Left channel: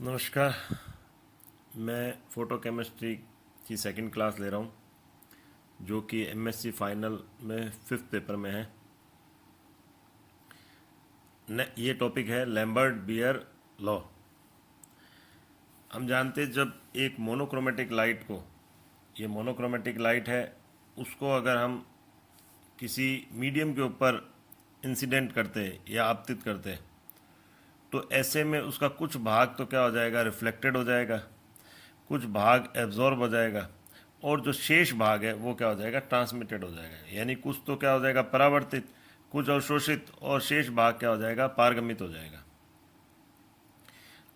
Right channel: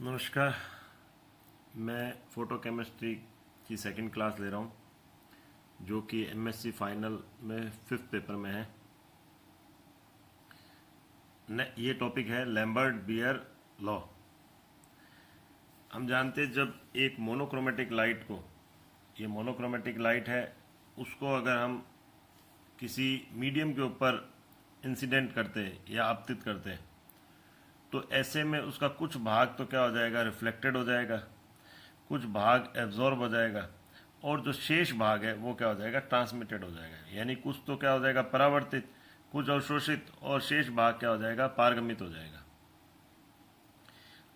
नमस्कार। मैं photo chemistry की सेकंड क्लास ले रहा हूँ, जो कि एमएससी फाइनल में 5th पेपर में है। ये टॉपिक है लैम्बर्ट बियर लॉ। हम जानते हैं जब एक मोनोक्रोमेटिक लाइट को, ये मोनोक्रोमेटिक लाइट है, उसको अगर हम किसी मीडियम के ऊपर इंसिडेंट करते हैं या आपतित करते हैं, तो ऐसे में उसका कुछ भाग तो क्या हो जाएगा, रिफ्लेक्टेड हो जाएगा, कुछ भाग एब्जॉर्ब हो जाएगा, और जो शेष भाग है वो क्या हो जाएगा, ट्रांसमिटेड हो जाएगा। यानी कुछ तो क्या हो जाएगा, परावर्तित, कुछ अवशोषित, और शेष भाग क्या हो जाएगा, पारगमित हो जाएगा।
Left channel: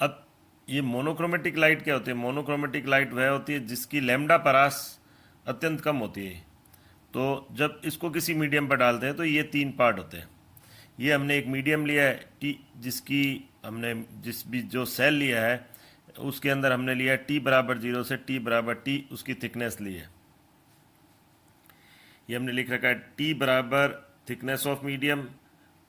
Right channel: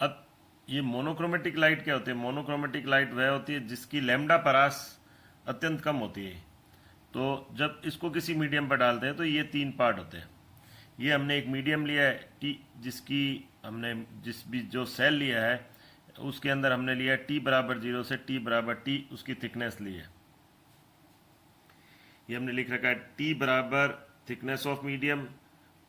अब ये मोनोक्रोमेटिक लाइट क्या होती है? मोनोक्रोमेटिक लाइट वह होती है जिसकी लैम्डा परास अत्यंत कम होती है। तो जब इसको किसी मीडियम पर डालते हैं तो ये 3 पार्ट होते हैं। ये हमने एक मीडियम लिया है टी, जिसकी हमने जिस भी जो सेल लिया है उसके अंदर हमने लिया है टी बराबर 0 से टी बराबर टी उसकी थिकनेस ली है। ये हमने लिख रखा है टी बराबर thickness of medium,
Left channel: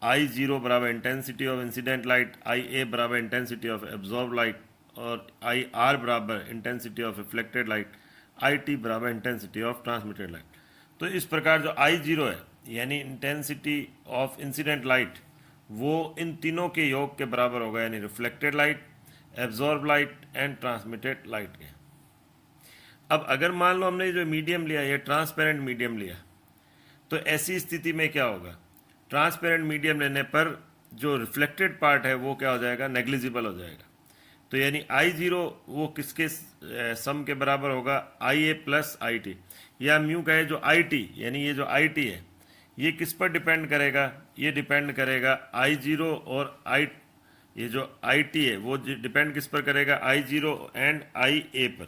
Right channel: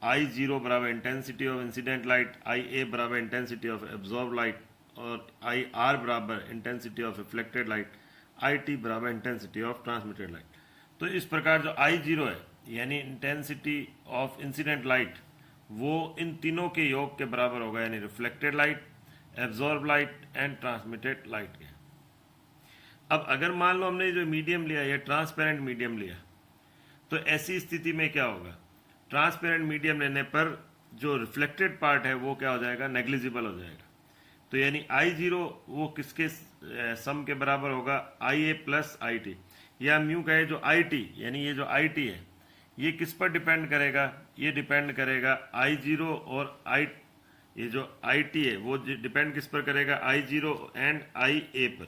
I zero बराबर इंटेंसिटी ऑफ इंसिडेंट लाइट, आई ए बराबर इंटेंसिटी ऑफ एब्जॉर्ब लाइट, और आई आर बराबर intensity of reflected light, I T बराबर इंटेंसिटी ऑफ ट्रांसमिटेड लाइट। तो इस प्रकार जो आई जीरो है यानी इंटेंसिटी ऑफ इंसिडेंट लाइट, वो इन तीनों के योग के बराबर होगा, यानी reflected light, absorb light and transmitted light के। अब अगर मान लो हमने जो मीडियम लिया, ये ट्रांसपेरेंट मीडियम लिया, तो ऐसी स्थिति में क्या होगा, ट्रांसपेरेंट मीडियम लेने पर जो रिफ्लेक्टेड पार्ट है वो क्या हो जाएगा, नेग्लिजिबल हो जाएगा। तो यानी आई जीरो वो किसके सम के बराबर होगा, आई ए प्लस आई टी, या हम यूँ कहें जो आई टी, यानी ये जो आई टी है ये किस पर डिपेंड करेगा, ये डिपेंड करेगा आई जीरो और आई, ये जो आई टी है वो डिपेंड किस पर करेगा, आई जीरो एंड आई ए पर,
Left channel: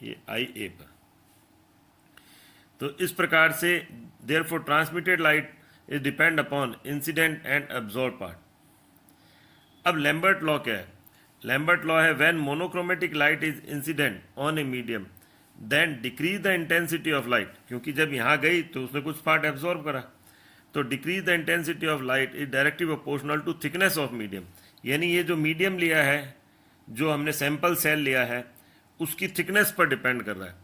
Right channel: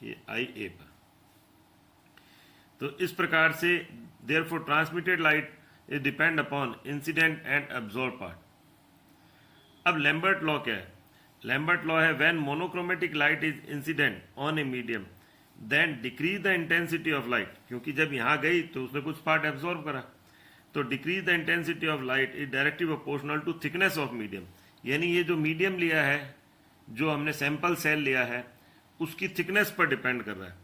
ये आई ए पर। तो इस प्रकार से therefore transmitted light is depend upon incident and absorb part. अब लैम्बर्ट लॉ क्या है? लैम्बर्ट लॉ है when monochromatic light is incident on a medium then decrease the intensity of light, क्योंकि जब यहाँ गई तो उसने कुछ पार्ट एब्जॉर्ब करा, तो decrease the intensity of light is directly proportional to thickness of medium. यानी ये जो मीडियम लिया है, जो हमने सैंपल सेल लिया है, उसकी थिकनेस पर डिपेंड कर रहा है।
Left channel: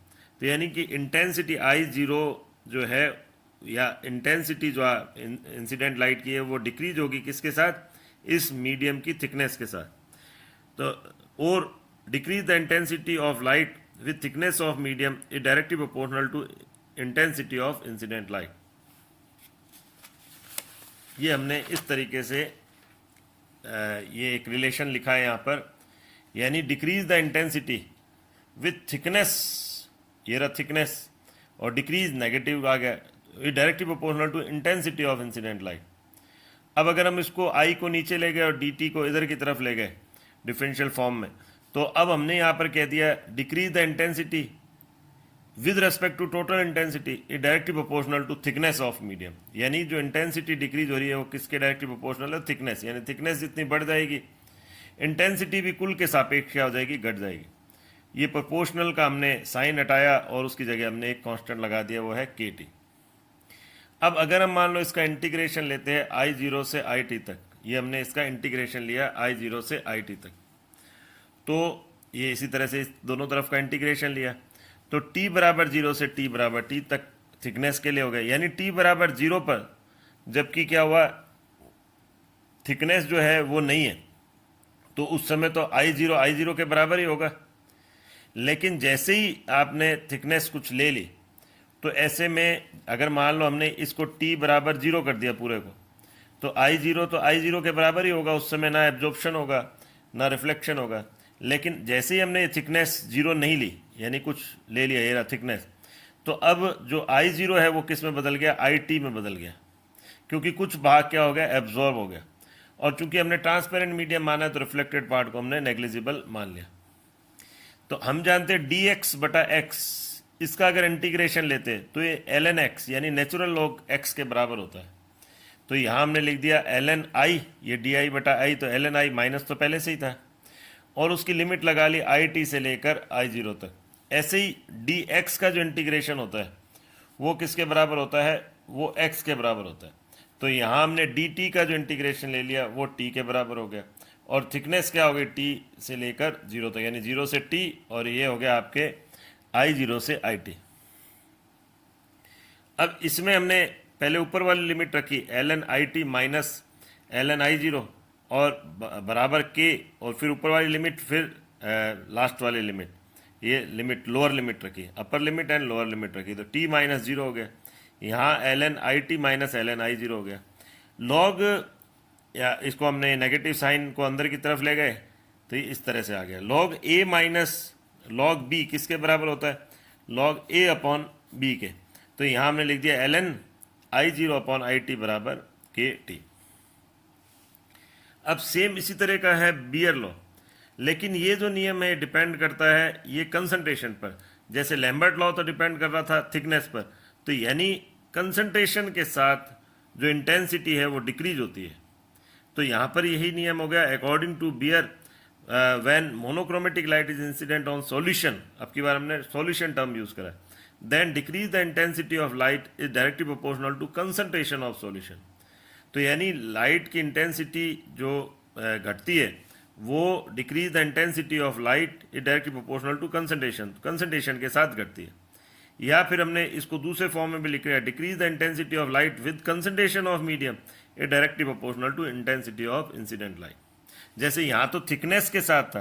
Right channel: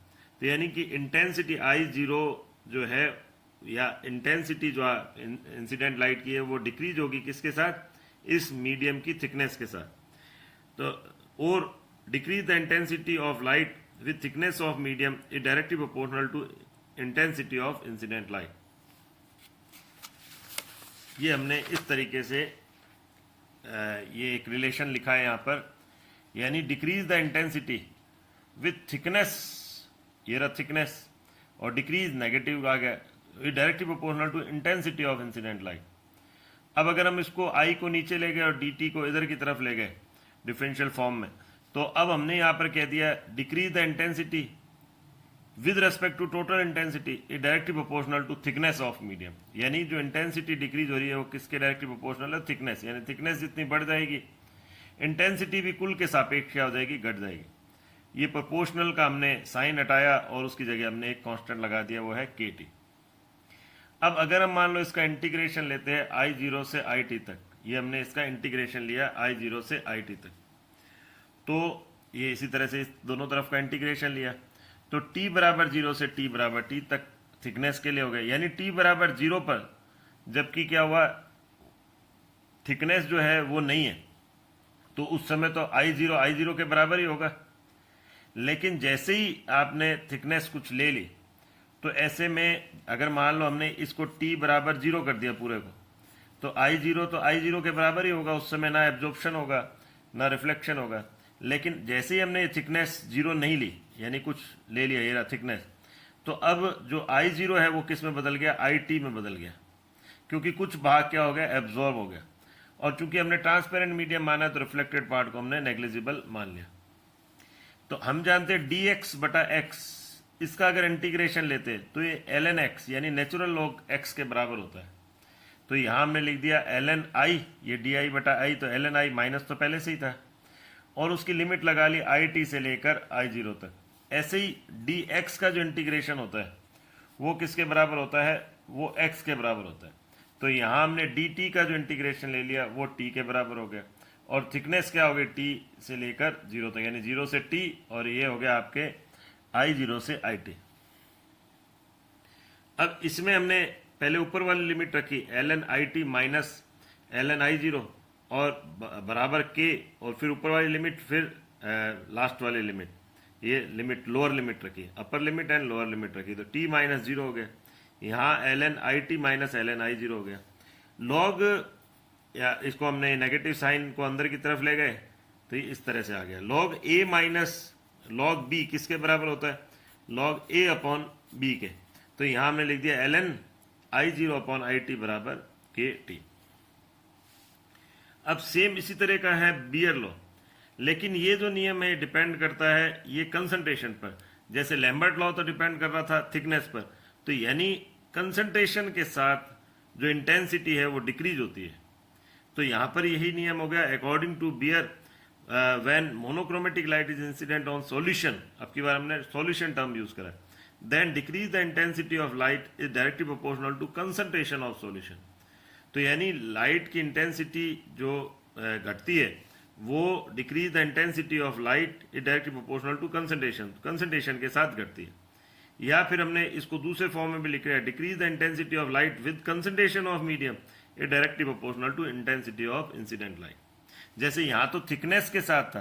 तो यानी कि इंटेंसिटी आई जीरो जो है, या इंटेंसिटी जो इंसिडेंट लाइट की है, वो डिक्रीज होगी किसके साथ, इस मीडियम की थिकनेस के साथ। तो और decrease the intensity of light with thickness of medium is directly proportional to intensity of incident light. ये हमने इस तरीके से ये एक रिलेशन लिखा है यहाँ पर, यानी decrease the intensity with thickness, ये रहा थिकनेस, और डिक्रीज नेगेटिव आ गया, ये directly proportional to intensity of incident light. अब अगर हम इसको आई को नीचे ले गए और डी टी को इधर की तरफ ले गए डिफरेंशियल फॉर्म में, तो अब हमने यहाँ पर कह दिया decrease the intensity with respect to total intensity is directly proportional to thickness of medium. यानी जो इंटेंसिटी डिक्रीज हो रही है वो किसके डायरेक्टली प्रोपोर्शनल है, थिकनेस। यानी थिकनेस जितनी बढ़ जाएगी इंटेंसिटी भी कुल के सापेक्ष क्या हो जाएगी, घट जाएगी। ये प्रोपोर्शनल का हमने साइन हटाया और उसकी जगह हमने एक कांस्टेंट लगा दिया, वो है के टी। अब अगर हम मान लो इसका इंटीग्रेशन लेते हैं आई जीरो से आई टी तक, ये हमने इसका इंटीग्रेशन लिया आई जीरो से आई टी तक, तो ये इसी तरह से दोनों तरफ का इंटीग्रेशन लिया, तो t बराबर 0 से t बराबर t तक थिकनेस के लिए हो गया। यानी t बराबर 0 पर जबकि क्या हुआ, थिकनेस जो है वो नहीं है, तो उस समय तो आई जीरो के बराबर ही होगा। लेकिन जैसे ही आपने थिकनेस कुछ ले ली, तो ऐसे में अगर मान लो हमने इसको t बराबर 0 कर दिया पूरे को, तो आई जीरो के बराबर ही होगा। उस समय ना एब्जॉर्प्शन होगा ना रिफ्लेक्शन होगा। लेकिन जैसे ही हमने थिकनेस 0 नहीं ली, यानी कुछ ले लिया, ये रहा थिकनेस, तो अब जो आई जीरो है वो किस में बदल गया, आई टी में बदल गया, क्योंकि कुछ भाग क्या हो गया, एब्जॉर्ब हो गया। और चूंकि हमने ट्रांसपेरेंट मीडियम माना है तो रिफ्लेक्टेड पार्ट को हमने नेग्लिजिबल मान लिया। तो हम जानते हैं डी एक्स बटा एक्स, इसका अगर इंटीग्रेशन लेते तो ये एल एन एक्स यानी नेचुरल लॉग एक्स के बराबर होता है। तो यहाँ हमने लिख दिया एल एन आई, ये डी आई बटा आई, तो एल एन आई माइनस तो पहले से ही था, और उसकी लिमिट लगा ली आई टी से लेकर आई जीरो तक। ऐसे ही डी एक्स का जो इंटीग्रेशन होता है वो किसके बराबर होता है, वो एक्स के बराबर होता है। तो यहाँ हमने डी टी का जो इंटीग्रेशन ले लिया वो टी के बराबर हो गया। और थिकनेस क्या हो गई टी से लेकर 0 तक, यानी 0 से टी, और ये हो गया आपके I0 से IT। अब इसमें हमने पहले ऊपर वाली लिमिट रखी ln IT minus ln I0 और बराबर के, और फिर ऊपर वाली लिमिट, फिर लास्ट वाली लिमिट, ये लिमिट लोअर लिमिट रखी, upper limit and lower limit रखी, तो t माइनस 0 हो गया। यहाँ ln IT minus ln I0 हो गया। लॉग, या इसको हमने नेगेटिव साइन को अंदर की तरफ ले गए तो ये इस तरह से आ गया। Log A minus log B किसके बराबर होता है? लॉग A अपॉन B के। तो यहाँ हमने लिख दिया ln I0 अपॉन IT बराबर KT। अब सेम इसी तरह का है बियर लॉ, लेकिन ये जो नियम है डिपेंड करता है ये कंसंट्रेशन पर। जैसे लैम्बर्ट लॉ तो डिपेंड कर रहा था थिकनेस पर, तो यानी कंसंट्रेशन के साथ जो इंटेंसिटी है वो डिक्रीज होती है। तो यहाँ पर यही नियम हो गया according to Beer when monochromatic light is incident on solution, अब की बार हमने सॉल्यूशन टर्म यूज करा, then decrease the intensity of light is directly proportional to concentration of solution. तो यानी लाइट की इंटेंसिटी जो घटती है वो decrease the intensity of light is directly proportional to concentration के साथ घटती है। या फिर हमने इसको दूसरे फॉर्म में भी लिख रहा है decrease the intensity of light with concentration of medium is directly proportional to intensity of incident light. जैसे यहाँ तो थिकनेस के साथ था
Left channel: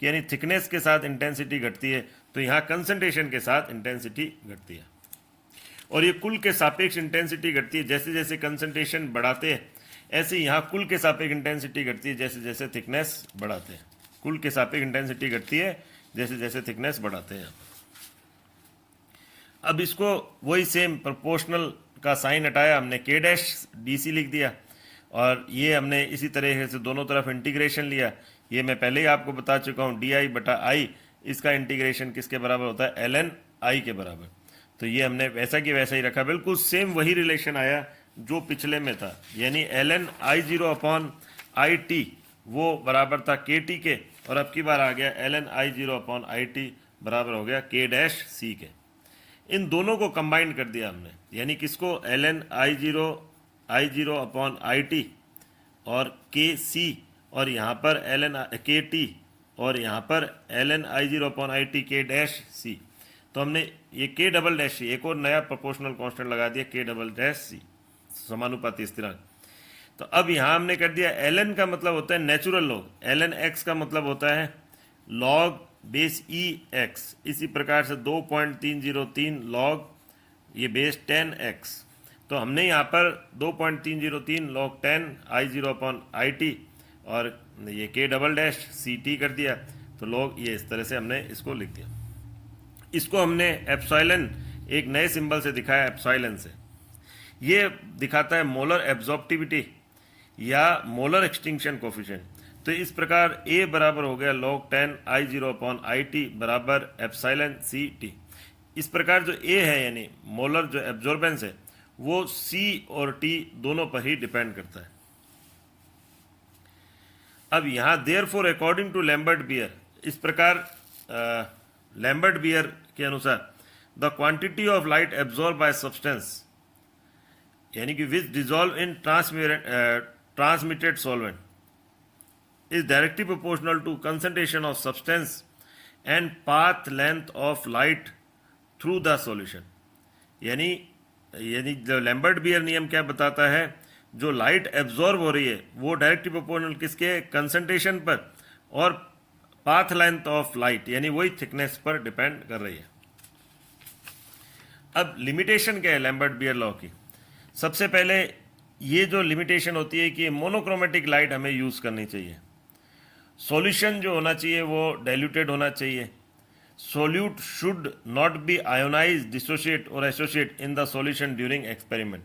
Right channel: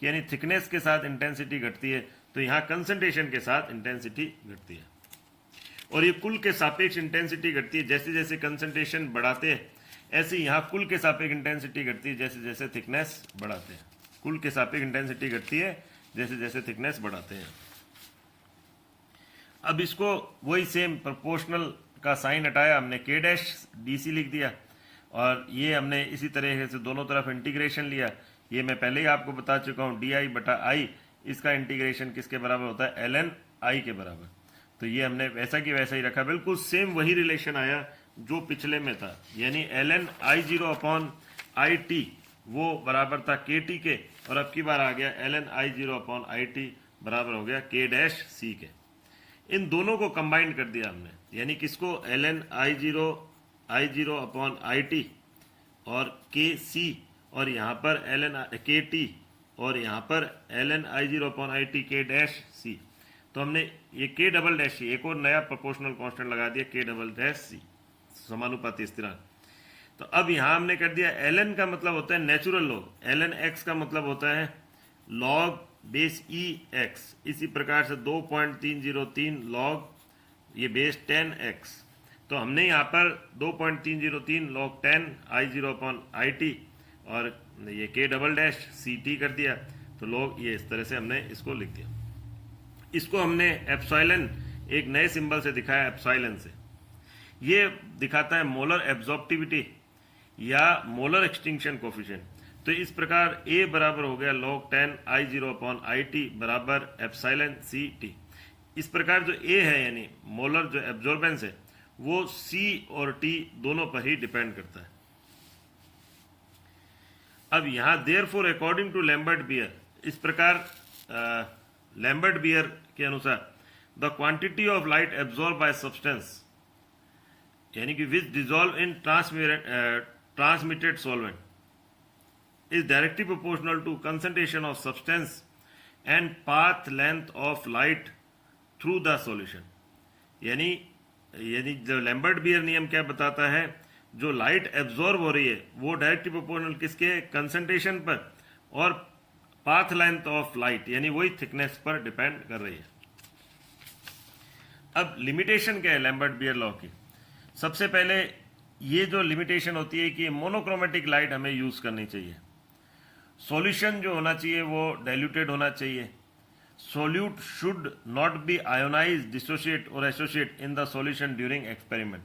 कि यानी थिकनेस के साथ इंटेंसिटी घटती है, तो यहाँ कंसंट्रेशन के साथ इंटेंसिटी घटती है। और ये कुल के सापेक्ष इंटेंसिटी घटती है, जैसे जैसे कंसंट्रेशन बढ़ाते हैं ऐसे यहाँ कुल के सापेक्ष इंटेंसिटी घटती है जैसे जैसे थिकनेस बढ़ाते हैं। कुल के सापेक्ष इंटेंसिटी घटती है जैसे जैसे थिकनेस बढ़ाते हैं। अब इसको वही सेम प्रोपोर्शनल का साइन हटाया, हमने k डैश DC लिख दिया, और ये हमने इसी तरह से दोनों तरफ इंटीग्रेशन लिया। ये मैं पहले ही आपको बता चुका हूँ DI बटा I, इसका इंटीग्रेशन किसके बराबर होता है? ln I के बराबर। तो ये हमने वैसा कि वैसा ही रखा, बिल्कुल सेम वही रिलेशन आया जो पिछले में था, यानी ln I0 अपॉन IT वो बराबर था KT के, और अब की बार आ गया ln I0 अपॉन IT बराबर हो गया k डैश C के। इन दोनों को कंबाइन कर दिया हमने, यानी किसको? ln I0 अपॉन IT और KC, और यहाँ पर ln KT, और यहाँ पर ln I0 upon IT k dash C। तो हमने ये k डबल डैश C, एक और नया प्रोपोर्शनल कांस्टेंट लगा दिया k डबल डैश C, समानुपाती स्थिरांक। तो अब यहाँ हमने कर दिया ln का मतलब होता है नेचुरल लॉग, ln x का मतलब होता है लॉग बेस EX। इसी प्रकार से 2.303 लॉग ये बेस 10x। तो हमने यहाँ पर 2.303 लॉग 10 I0 अपॉन IT और ये k डबल डैश CT कर दिया। तो लॉग ये इस तरह से हमने इसको लिख दिया। इसको हमने एप्सिलॉन एक नए सिंबल से दिखाया, एप्सिलॉन से। ये दिखाता है मोलर एब्जॉर्प्टिविटी या मोलर एक्सटिंक्शन कोफिशिएंट। तो इस प्रकार A बराबर हो गया log 10 I0 अपॉन IT बराबर एप्सिलॉन CT। इस प्रकार जो A है यानी मोलर जो एब्जॉर्बेंस है वो C और T दोनों पर ही डिपेंड करता है। अब यहाँ therefore according to Lambert Beer, इस प्रकार लैम्बर्ट बियर के अनुसार the quantity of light absorb by substance यानी कि which dissolve in transmitted solvent is directly proportional to concentration of substance and path length of light through the solution। यानी जो Lambert beer नियम क्या बताता है, जो लाइट एब्जॉर्ब हो रही है वो डायरेक्टली प्रोपोर्शनल किसके? कंसंट्रेशन पर, और पाथ लेंथ ऑफ लाइट यानी वही थिकनेस पर डिपेंड कर रही है। अब लिमिटेशन क्या है लैम्बर्ट बियर लॉ की? सबसे पहले ये जो लिमिटेशन होती है कि मोनोक्रोमेटिक लाइट हमें यूज करनी चाहिए। सॉल्यूशन जो होना चाहिए वो डाइल्यूटेड होना चाहिए। Solute should not be ionise, dissociate और associate in the solution during experiment.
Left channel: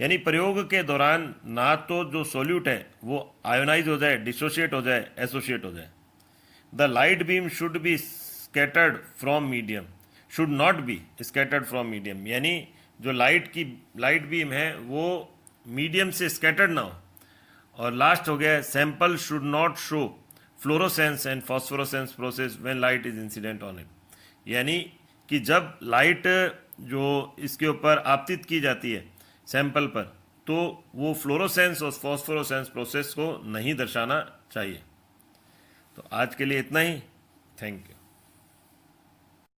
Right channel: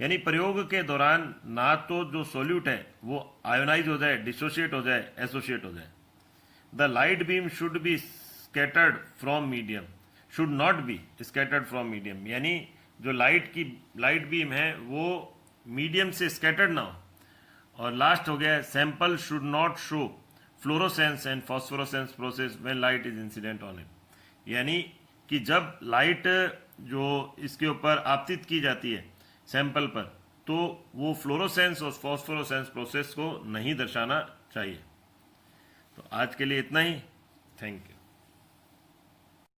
यानी प्रयोग के दौरान ना तो जो सोल्यूट है वो आयोनाइज हो जाए, डिसोशिएट हो जाए, एसोसिएट हो जाए। The light beam should be scattered from medium, should not B scattered from medium, यानी जो लाइट बीम है वो मीडियम से स्कैटर्ड ना हो। और लास्ट हो गया sample should not show fluorescence and phosphorescence process when light is incident on it. यानी कि जब लाइट जो इसके ऊपर आपतित की जाती है सैंपल पर, तो वो फ्लोरोसेंस और फॉस्फोरोसेंस प्रोसेस को नहीं दर्शाना चाहिए। तो आज के लिए इतना ही। Thank you.